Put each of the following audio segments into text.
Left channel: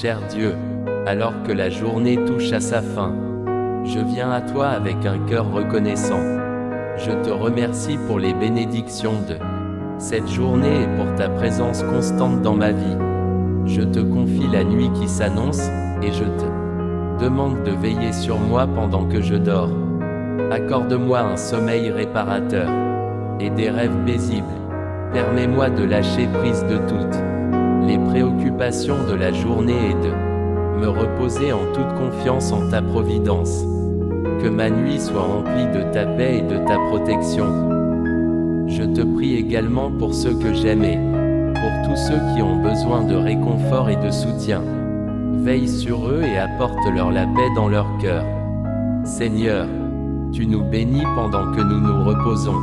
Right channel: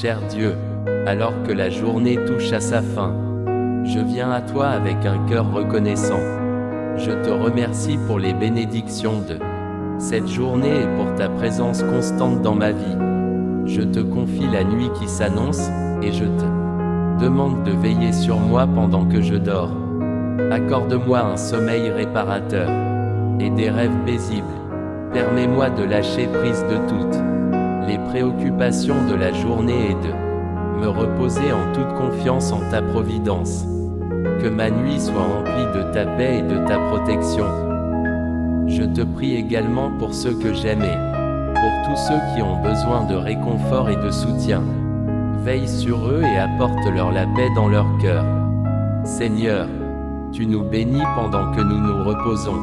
Cher Dieu, alors que la journée touche à sa fin, je viens à toi avec un cœur reconnaissant. Je te remercie pour les bénédictions de cette journée et pour ta présence constante dans ma vie. Je te confie la nuit qui s'annonce, et je te demande de veiller sur moi pendant que je dors. Accorde-moi un sommeil réparateur et des rêves paisibles. Permets-moi de lâcher prise de toutes les préoccupations de la journée et de me reposer en toute confiance en ta providence. Que ma nuit soit remplie de ta paix et de ta protection. Je te prie également pour ceux que j'aime et pour tous ceux qui ont besoin de réconfort et de soutien. Veille sur eux et apporte-leur la paix dans leur cœur. Seigneur, tu nous bénis pendant que nous nous reposons.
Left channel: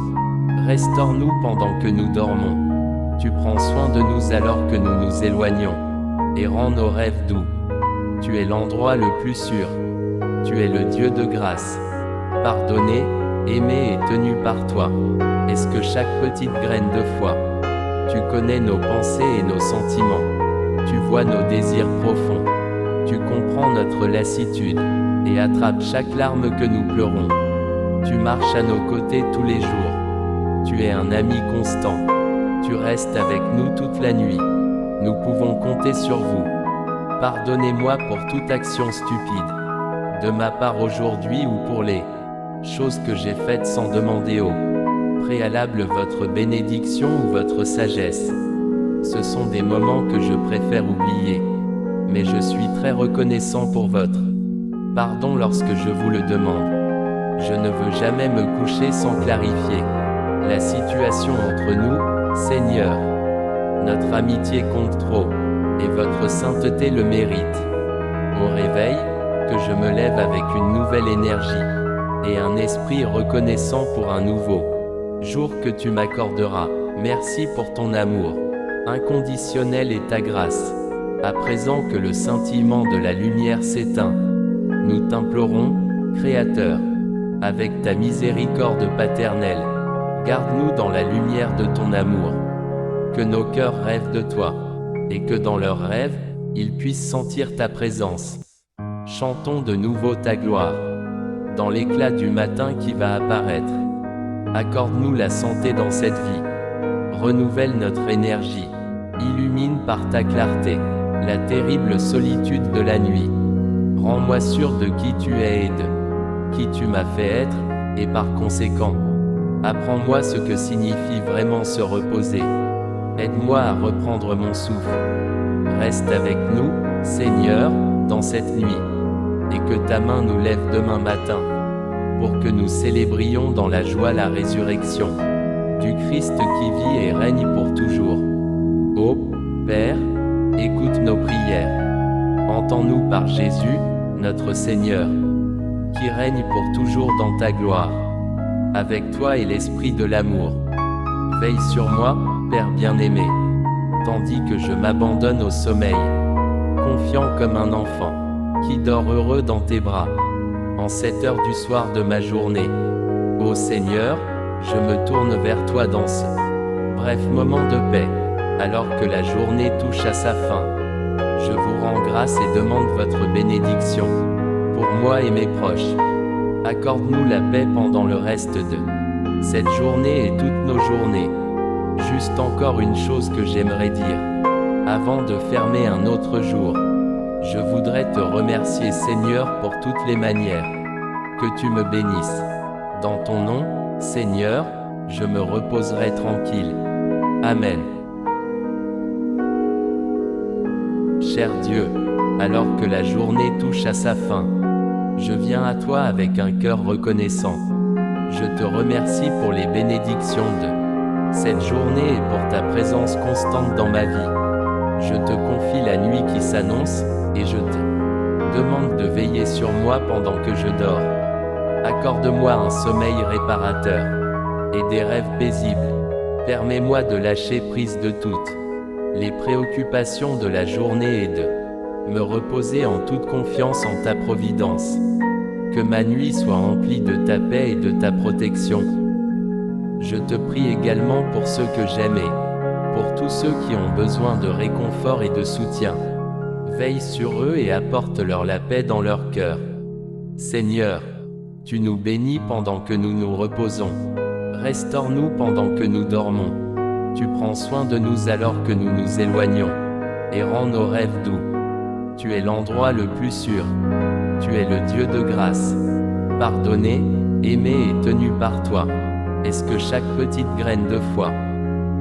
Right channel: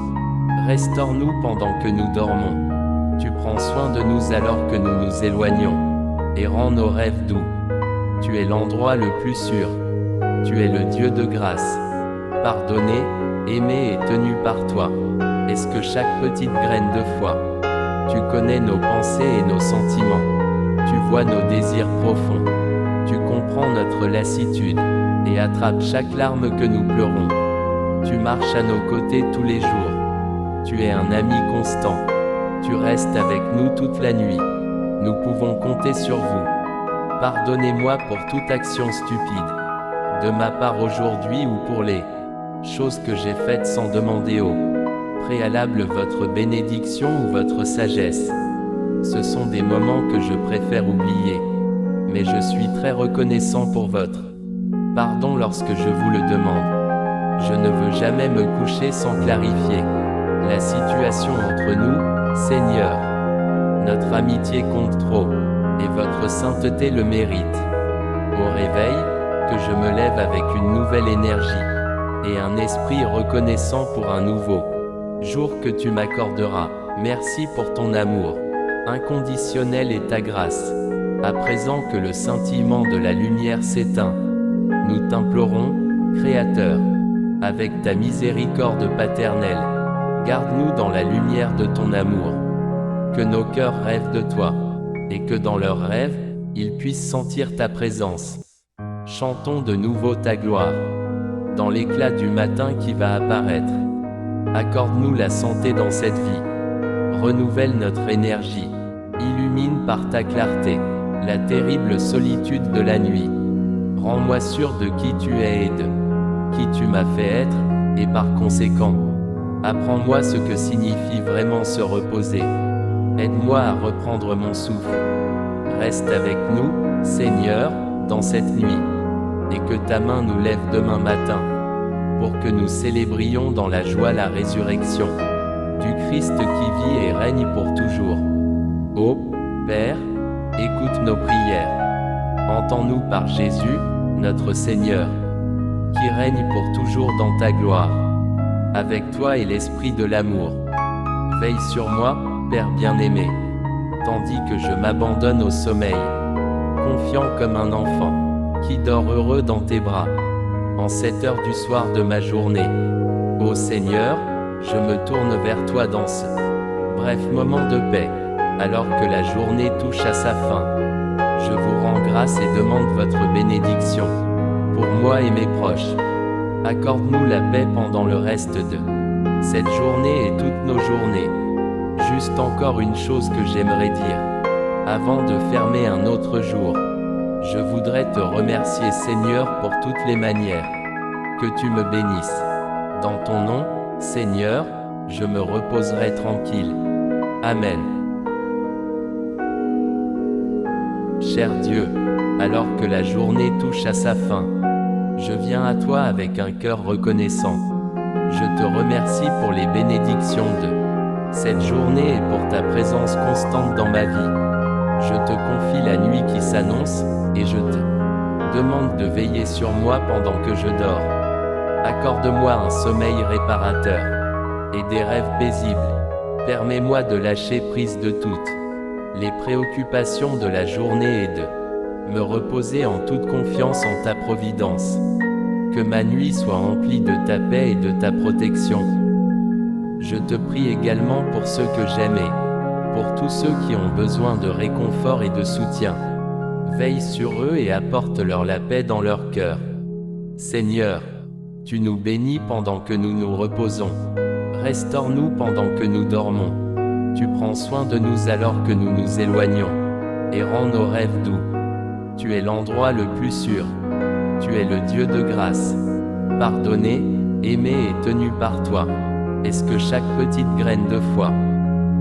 Restaure-nous pendant que nous dormons. Tu prends soin de nous alors que nous nous éloignons, et rends nos rêves doux. Tu es l'endroit le plus sûr. Tu es le Dieu de grâce. Pardonné, aimé et tenu par toi. Est-ce que chaque petite graine de foi? Tu connais nos pensées et nos sentiments. Tu vois nos désirs profonds. Tu comprends notre lassitude, et attrapes chaque larme que nous pleurons. Tu marches à nos côtés tous les jours. Tu es un ami constant. Tu restes avec nous toute la nuit. Nous pouvons compter sur vous. Pardonnez-moi pour toute action stupide, de ma part aujourd'hui ou pour les choses que j'ai faites sans demander au préalable votre bénédiction ou votre sagesse. Ce sont des moments que je préfère oublier, mais je suis très reconnaissant pour votre pardon lorsque je vous le demande. Je ne veux jamais me coucher sans clarifier la situation entre nous, Seigneur. Notre amitié compte trop, et votre sainteté le mérite. Au réveil, que je me lève avec une nouvelle énergie, et un esprit reconnaissant pour un nouveau jour que tu m'accorderas. Merci pour ton amour inconditionnel et ta grâce. À présent que le scintillement de la lumière s'éteint, nous t'implorons, Créateur, avec ta miséricorde paternelle, garde-nous dans la lumière de ton amour. Que nos cœurs rêvent de toi, et que dans leurs rêves, ils puissent sentir ta présence. Chantons de nouveau ta gloire, dans l'éclat du matin qui va apparaître. Accorde-nous la santé dans cette vie. Renouvelle notre énergie. Illumine par ta clarté la terrible solitude de la nuit. Rends-moi sûr de qui tu es et de qui tu m'as fait être, et par conséquent, apprends-moi ce que signifie vraiment se reposer. Aide-moi à reprendre mon souffle. Reste avec nous, Seigneur, dans cette nuit, et que ta main nous lève demain matin, pour que nous célébrions dans la joie la résurrection du Christ qui vit et règne pour toujours. Ô Père, écoute nos prières. Entends-nous par Jésus, notre Seigneur, qui règne pour toujours dans ta gloire. Avec toi et l'esprit de l'amour. Veille sur moi, Père bien-aimé, tandis que je m'abandonne au sommeil, confiant comme un enfant, qui dort heureux dans tes bras, en cette heure du soir de ma journée. Ô Seigneur, je me tourne vers toi dans ce bref moment de paix, alors que la journée touche à sa fin. Je vous rends grâce et demande votre bénédiction, pour moi et mes proches. Accorde-nous la paix pendant le reste de cette journée et toutes nos journées. Juste encore une chose que j'aimerais dire, avant de fermer un autre jour. Je voudrais te remercier Seigneur pour toutes les manières que tu me bénisses. Dans ton nom, Seigneur, je me reposerai tranquille. Amen. Cher Dieu, alors que la journée touche à sa fin, je viens à toi avec un cœur reconnaissant. Je te remercie pour les bénédictions de cette journée et pour ta présence constante dans ma vie. Je te confie la nuit qui s'annonce, et je te demande de veiller sur moi pendant que je dors. Accorde-moi un sommeil réparateur et des rêves paisibles. Permets-moi de lâcher prise de toutes les préoccupations de la journée et de me reposer en toute confiance en ta providence. Que ma nuit soit remplie de ta paix et de ta protection. Je te prie également pour ceux que j'aime et pour tous ceux qui ont besoin de réconfort et de soutien. Veille sur eux et apporte-leur la paix dans leur cœur. Seigneur, tu nous bénis pendant que nous nous reposons. Restaure-nous pendant que nous dormons. Tu prends soin de nous alors que nous nous éloignons, et rends nos rêves doux. Tu es l'endroit le plus sûr. Tu es le Dieu de grâce. Pardonné, aimé et tenu par toi. Est-ce que chaque petite graine de foi?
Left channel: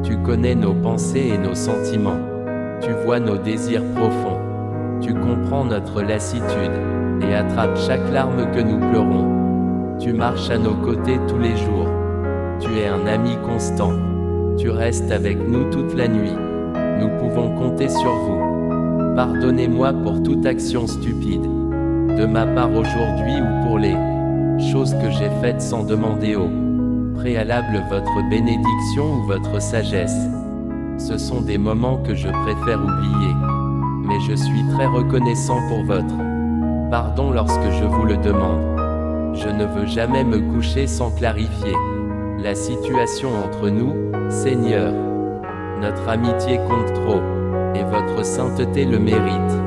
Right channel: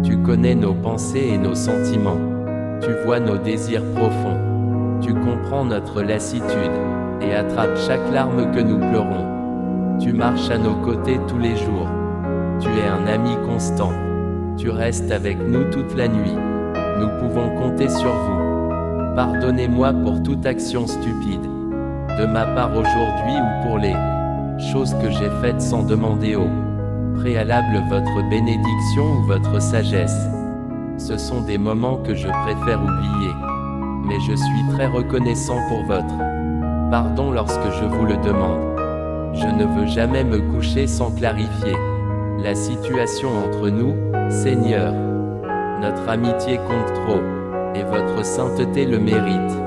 Tu connais nos pensées et nos sentiments. Tu vois nos désirs profonds. Tu comprends notre lassitude, et attrapes chaque larme que nous pleurons. Tu marches à nos côtés tous les jours. Tu es un ami constant. Tu restes avec nous toute la nuit. Nous pouvons compter sur vous. Pardonnez-moi pour toute action stupide, de ma part aujourd'hui ou pour les choses que j'ai faites sans demander au préalable votre bénédiction ou votre sagesse. Ce sont des moments que je préfère oublier, mais je suis très reconnaissant pour votre pardon lorsque je vous le demande. Je ne veux jamais me coucher sans clarifier la situation entre nous, Seigneur. Notre amitié compte trop, et votre sainteté le mérite.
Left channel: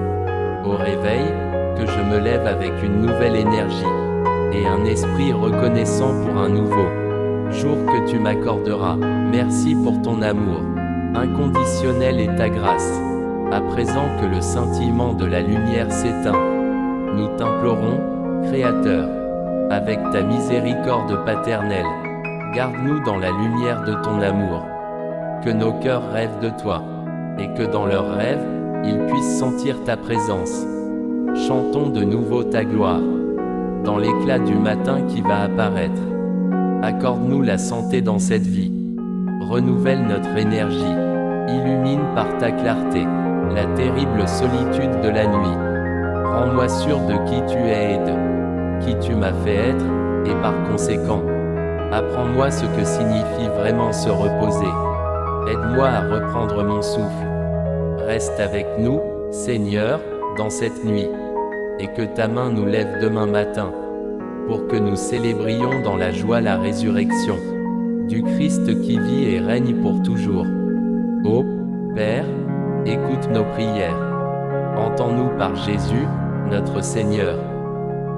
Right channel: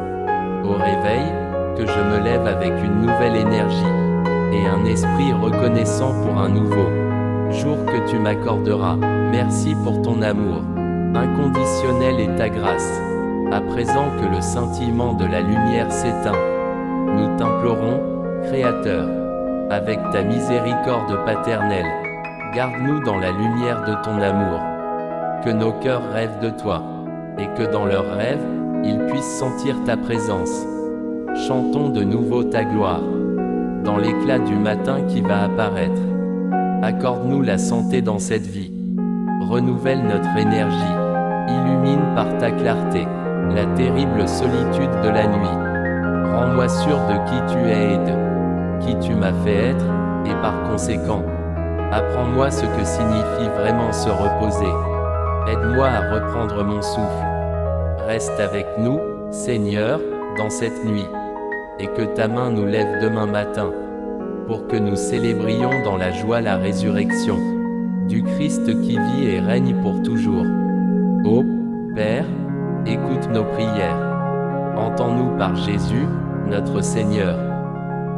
Au réveil, que je me lève avec une nouvelle énergie, et un esprit reconnaissant pour un nouveau jour que tu m'accorderas. Merci pour ton amour inconditionnel et ta grâce. À présent que le scintillement de la lumière s'éteint, nous t'implorons, Créateur, avec ta miséricorde paternelle, garde-nous dans la lumière de ton amour. Que nos cœurs rêvent de toi, et que dans leurs rêves, ils puissent sentir ta présence. Chantons de nouveau ta gloire, dans l'éclat du matin qui va apparaître. Accorde-nous la santé dans cette vie. Renouvelle notre énergie. Illumine par ta clarté la terrible solitude de la nuit. Rends-moi sûr de qui tu es et de qui tu m'as fait être, et par conséquent, apprends-moi ce que signifie vraiment se reposer. Aide-moi à reprendre mon souffle. Reste avec nous, Seigneur, dans cette nuit, et que ta main nous lève demain matin, pour que nous célébrions dans la joie la résurrection du Christ qui vit et règne pour toujours. Ô Père, écoute nos prières. Entends-nous par Jésus, notre Seigneur,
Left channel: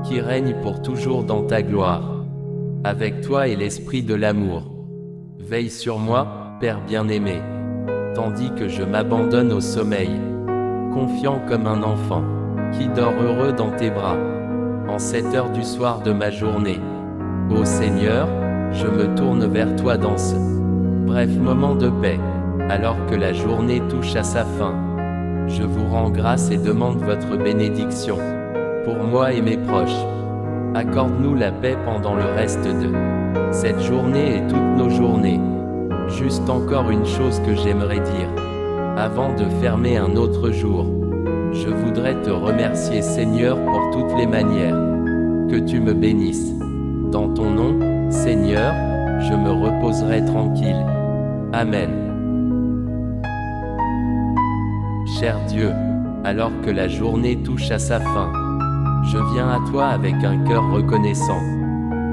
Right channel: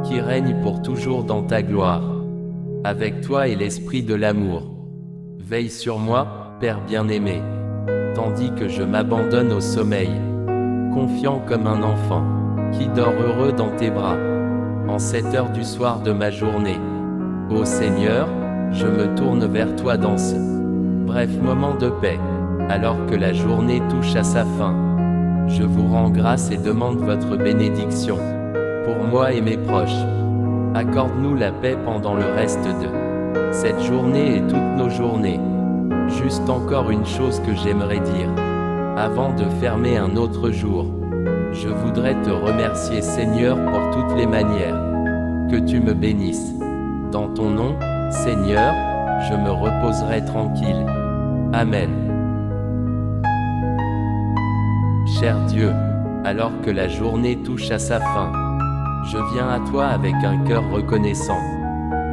qui règne pour toujours dans ta gloire. Avec toi et l'esprit de l'amour. Veille sur moi, Père bien-aimé, tandis que je m'abandonne au sommeil, confiant comme un enfant, qui dort heureux dans tes bras, en cette heure du soir de ma journée. Ô Seigneur, je me tourne vers toi dans ce bref moment de paix, alors que la journée touche à sa fin. Je vous rends grâce et demande votre bénédiction, pour moi et mes proches. Accorde-nous la paix pendant le reste de cette journée et toutes nos journées. Juste encore une chose que j'aimerais dire, avant de fermer un autre jour. Je voudrais te remercier Seigneur pour toutes les manières. Que tu me bénisses. Dans ton nom, Seigneur, je me reposerai tranquille. Amen. Cher Dieu, alors que la journée touche à sa fin, je viens à toi avec un cœur reconnaissant.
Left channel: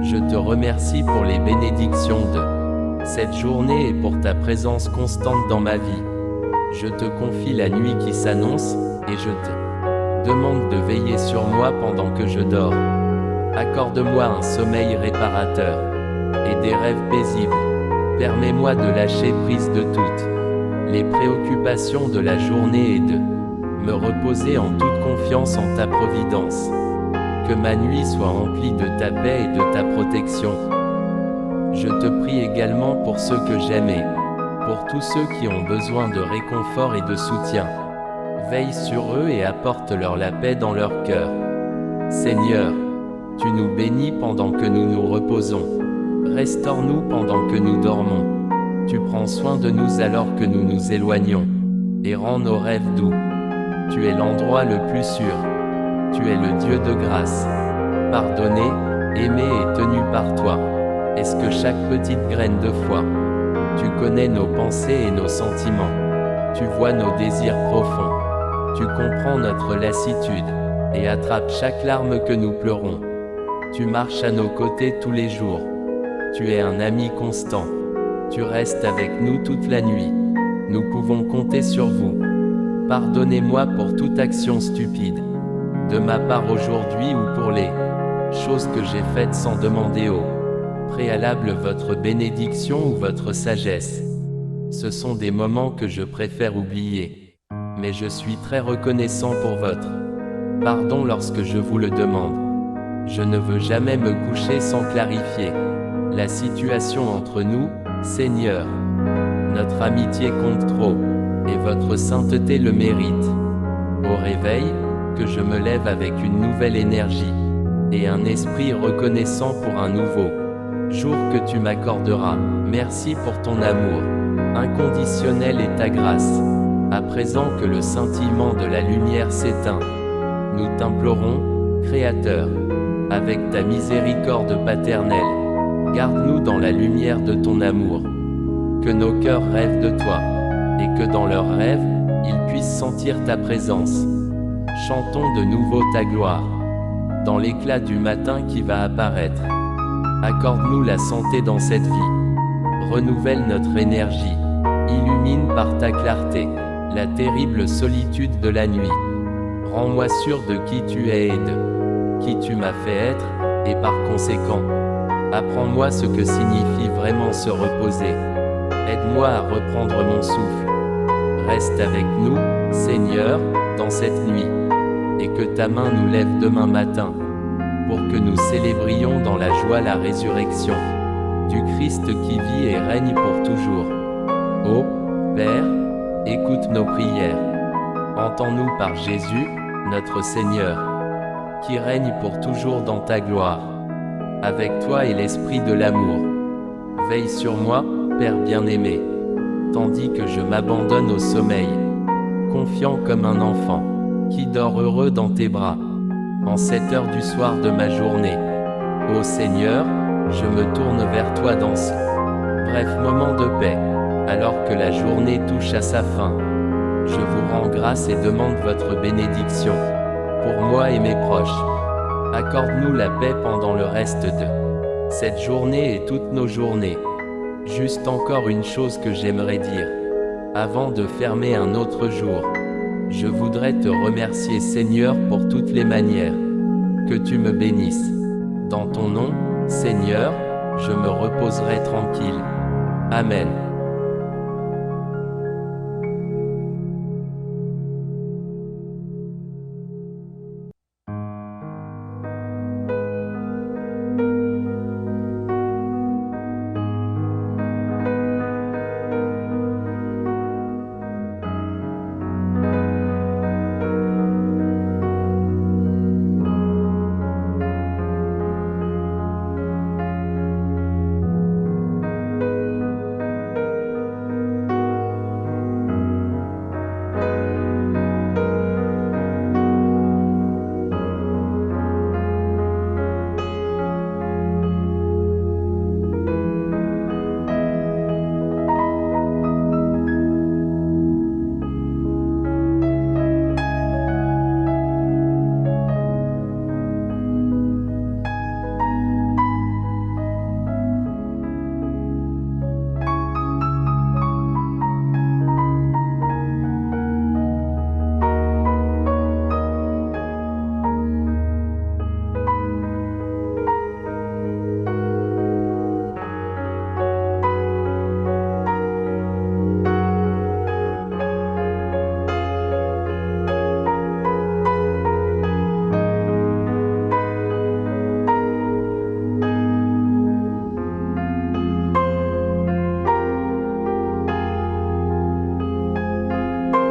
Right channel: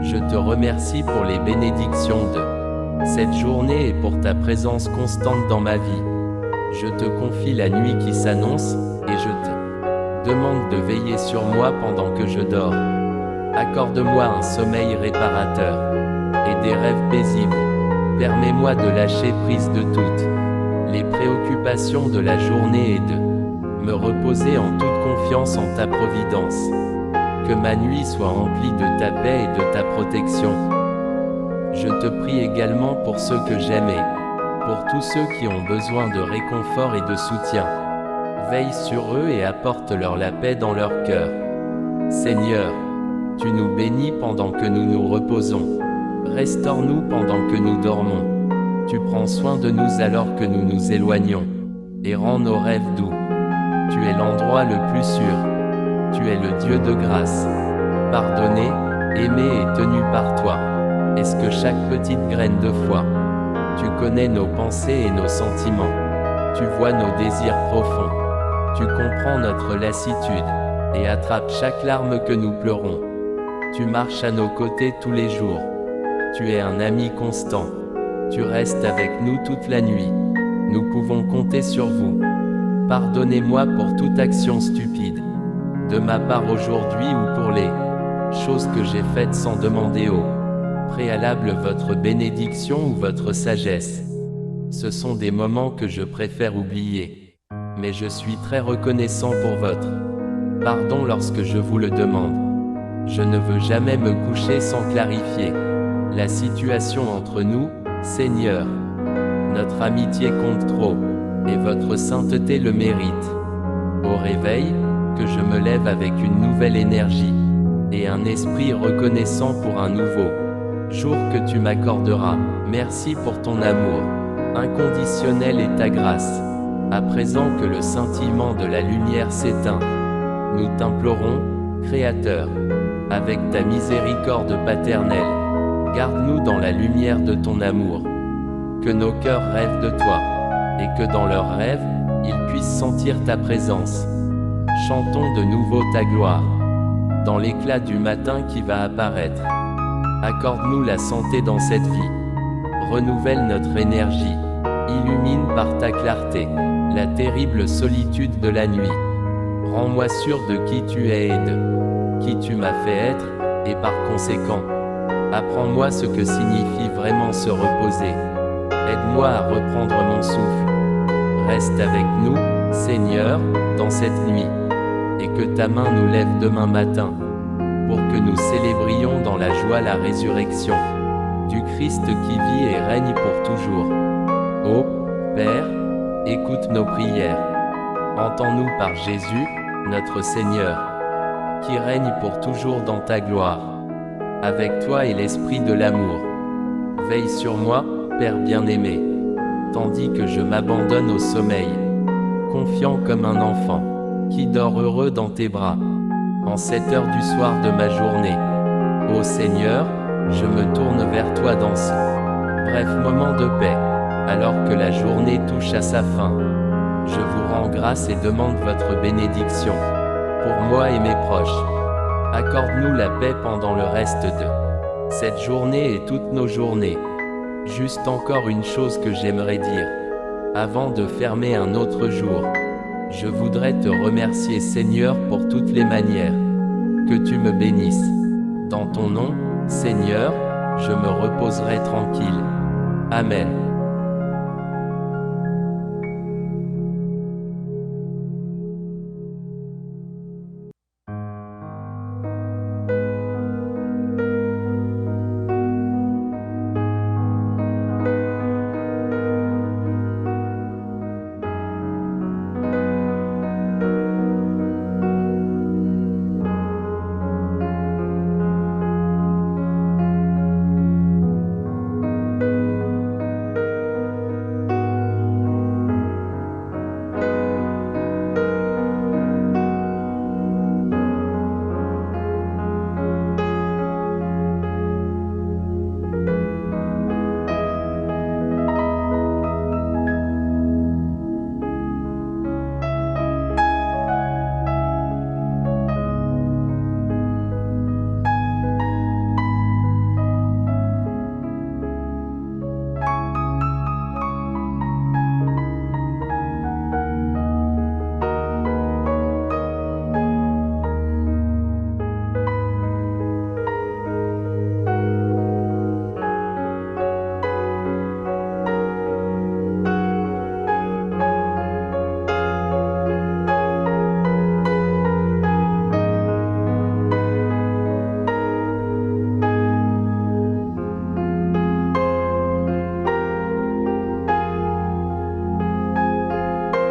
Je te remercie pour les bénédictions de cette journée et pour ta présence constante dans ma vie. Je te confie la nuit qui s'annonce, et je te demande de veiller sur moi pendant que je dors. Accorde-moi un sommeil réparateur et des rêves paisibles. Permets-moi de lâcher prise de toutes les préoccupations de la journée et de me reposer en toute confiance en ta providence. Que ma nuit soit remplie de ta paix et de ta protection. Je te prie également pour ceux que j'aime et pour tous ceux qui ont besoin de réconfort et de soutien. Veille sur eux et apporte-leur la paix dans leur cœur. Seigneur, tu nous bénis pendant que nous nous reposons. Restaure-nous pendant que nous dormons. Tu prends soin de nous alors que nous nous éloignons, et rends nos rêves doux. Tu es l'endroit le plus sûr. Tu es le Dieu de grâce. Pardonné, aimé et tenu par toi. Est-ce que chaque petite graine de foi? Tu connais nos pensées et nos sentiments. Tu vois nos désirs profonds. Tu comprends notre lassitude, et attrapes chaque larme que nous pleurons. Tu marches à nos côtés tous les jours. Tu es un ami constant. Tu restes avec nous toute la nuit. Nous pouvons compter sur vous. Pardonnez-moi pour toute action stupide, de ma part aujourd'hui ou pour les choses que j'ai faites sans demander au préalable votre bénédiction ou votre sagesse. Ce sont des moments que je préfère oublier. Mais je suis très reconnaissant pour votre pardon lorsque je vous le demande. Je ne veux jamais me coucher sans clarifier la situation entre nous, Seigneur. Notre amitié compte trop, et votre sainteté le mérite. Au réveil, que je me lève avec une nouvelle énergie, et un esprit reconnaissant pour un nouveau jour que tu m'accorderas. Merci pour ton amour inconditionnel et ta grâce. À présent que le scintillement de la lumière s'éteint, nous t'implorons, Créateur, avec ta miséricorde paternelle, garde-nous dans la lumière de ton amour. Que nos cœurs rêvent de toi, et que dans leurs rêves, ils puissent sentir ta présence. Chantons de nouveau ta gloire, dans l'éclat du matin qui va apparaître. Accorde-nous la santé dans cette vie. Renouvelle notre énergie. Illumine par ta clarté la terrible solitude de la nuit. Rends-moi sûr de qui tu es et de qui tu m'as fait être, et par conséquent, apprends-moi ce que signifie vraiment se reposer. Aide-moi à reprendre mon souffle. Reste avec nous, Seigneur, dans cette nuit, et que ta main nous lève demain matin, pour que nous célébrions dans la joie la résurrection du Christ qui vit et règne pour toujours. Ô Père, écoute nos prières. Entends-nous par Jésus, notre Seigneur, qui règne pour toujours dans ta gloire. Avec toi et l'esprit de l'amour. Veille sur moi, Père bien-aimé, tandis que je m'abandonne au sommeil, confiant comme un enfant, qui dort heureux dans tes bras, en cette heure du soir de ma journée. Ô Seigneur, je me tourne vers toi dans ce bref moment de paix, alors que la journée touche à sa fin. Je vous rends grâce et demande votre bénédiction, pour moi et mes proches. Accorde-nous la paix pendant le reste de cette journée et toutes nos journées. Juste encore une chose que j'aimerais dire, avant de fermer un autre jour. Je voudrais te remercier Seigneur pour toutes les manières que tu me bénisses. Dans ton nom, Seigneur, je me reposerai tranquille. Amen.